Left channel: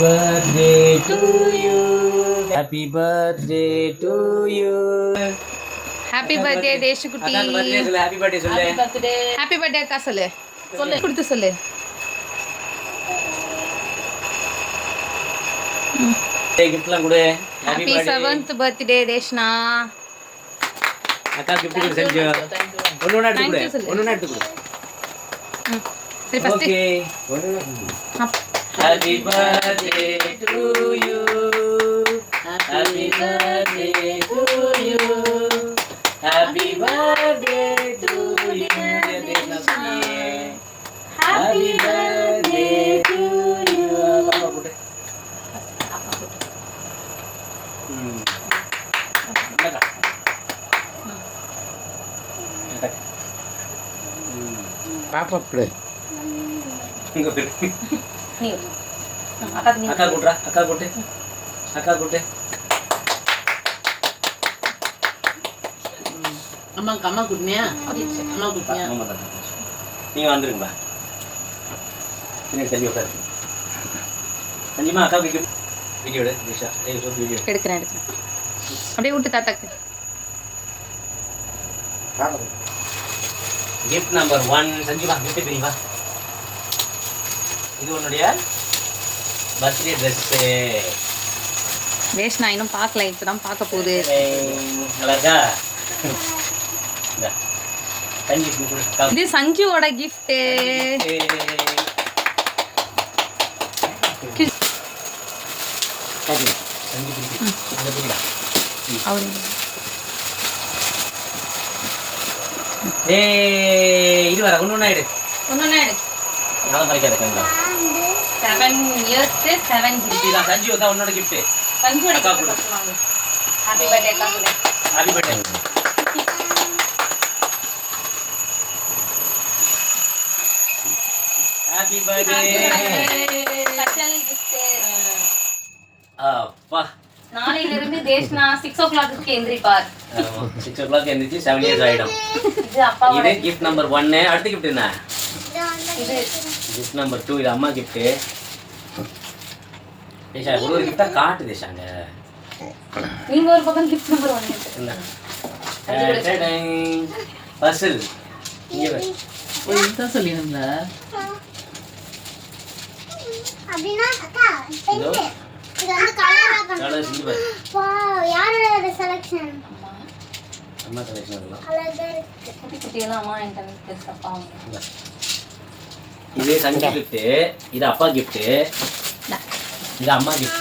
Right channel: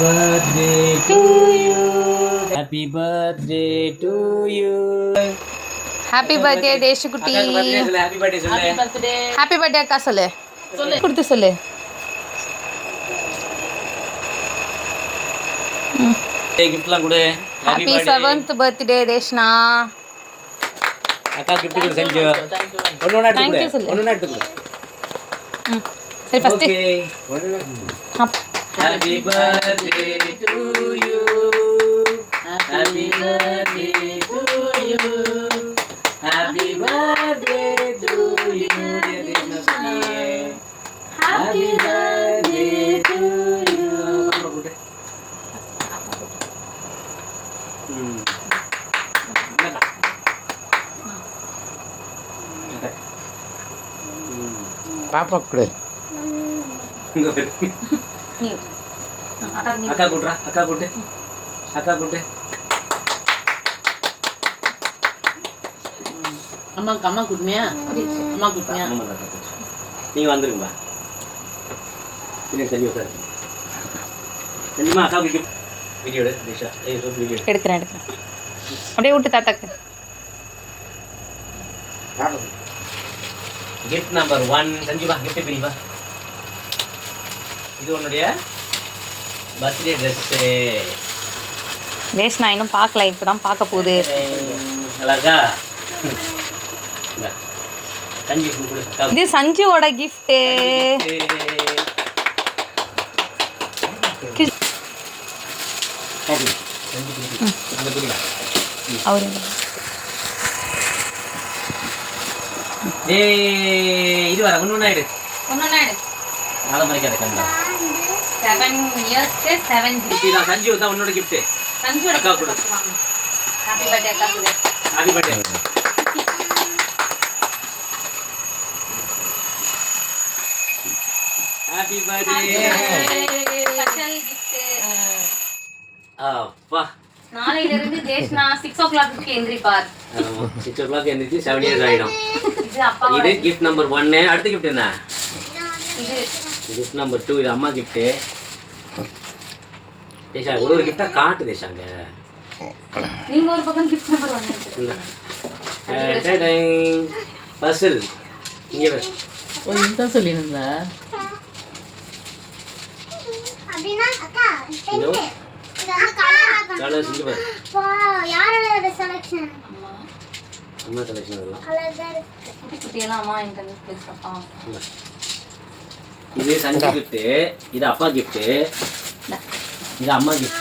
birthday to you. Happy birthday to you. Happy birthday தேஷுக்குட்டி. அக்காக்கு birthday சொல்லு. Happy birthday சொல்லு. Happy birthday. ஹாப்பி பர்த்டே அக்கா சொல்லு. கொடுத்து சொல்லு. கிஃப்ட்லாம் கொடு. Happy 7th birthday Deshna. அக்கா gift கொடு செஞ்சு. ஒண்ணு எடுத்து கொடு. ஒண்ணு எடுத்து கொடு. சரி first. Okay. Happy birthday to you. Happy birthday to you. Happy birthday to you. Happy birthday to you. பாப்பா கொடு. நீ அக்கா கூட்டுறா. அக்கா கூட்டு. அக்கா கூட்டு. அம்மா குடுமியா? அம்மா குடுமியா? நீங்க வந்துருங்களா? தண்ணி உட்காரு. தண்ணிமா அக்கா வீடியோ எடு. திஷா வீடியோ எடுக்கிறேன். அப்படியே விட்டு தாத்தாக்கு. கிஃப்ட் நம்பர் 1 சஞ்சிமா கிஃப்ட் பிரிவா. இது உன்னுடைய பர்த்டே ட்ரெஸ். தேஷ்னா இன்னும் பார்க்கல, இப்பதான் பார்க்க போகுது. நல்லா இருக்கா? சஞ்சி கொடு. இது சஞ்சுவோட கிஃப்ட். ஓகே சஞ்சி பிடி. அந்த பிடிடா. அவரு இது வர ஒண்ணு எடு. ஒண்ணு நாளை மறைக்காத கண்ணா. 7 இயர்ஸ்க்கு 7 gift. இதுதான் சஞ்சு தான் உன்னோட gift. சஞ்சுவோட அக்கா கொடு. ஹாப்பி பர்த்டே அக்கா கொடு. Happy birthday. Happy birthday. Special gift. அப்பா நாளையில இருந்து தேஷ்னா 6 o'clock எந்திரிப்பார். 6 o'clock எந்திரிச்சு 7 years ஆயிடும். இது அப்பாவோட. இது gift number 1. அடுத்த gift என்ன? இது gift number 2. இது அம்மா gift. தேஷா ஒரு gift காட்டு தேஷாங்க. நீங்க ஒரு பக்கம் gift number 1 இல்ல. பசில் இங்க வே. ஓ இதுதான் சொல்லிருந்தா. அபினா அக்கா பெயிண்ட் இது அந்த கலர் இங்க பாரு. வாவ் யாரோட செலக்ஷன் அம்மா செலக்ஷன் பண்ணலாம். அழகா இருக்கு குட்டியெல்லாம் அம்மா இன்டர்நெட் பேச அப்பா. இது சஞ்சய் gift. இது அப்பா gift. இது அம்மா gift.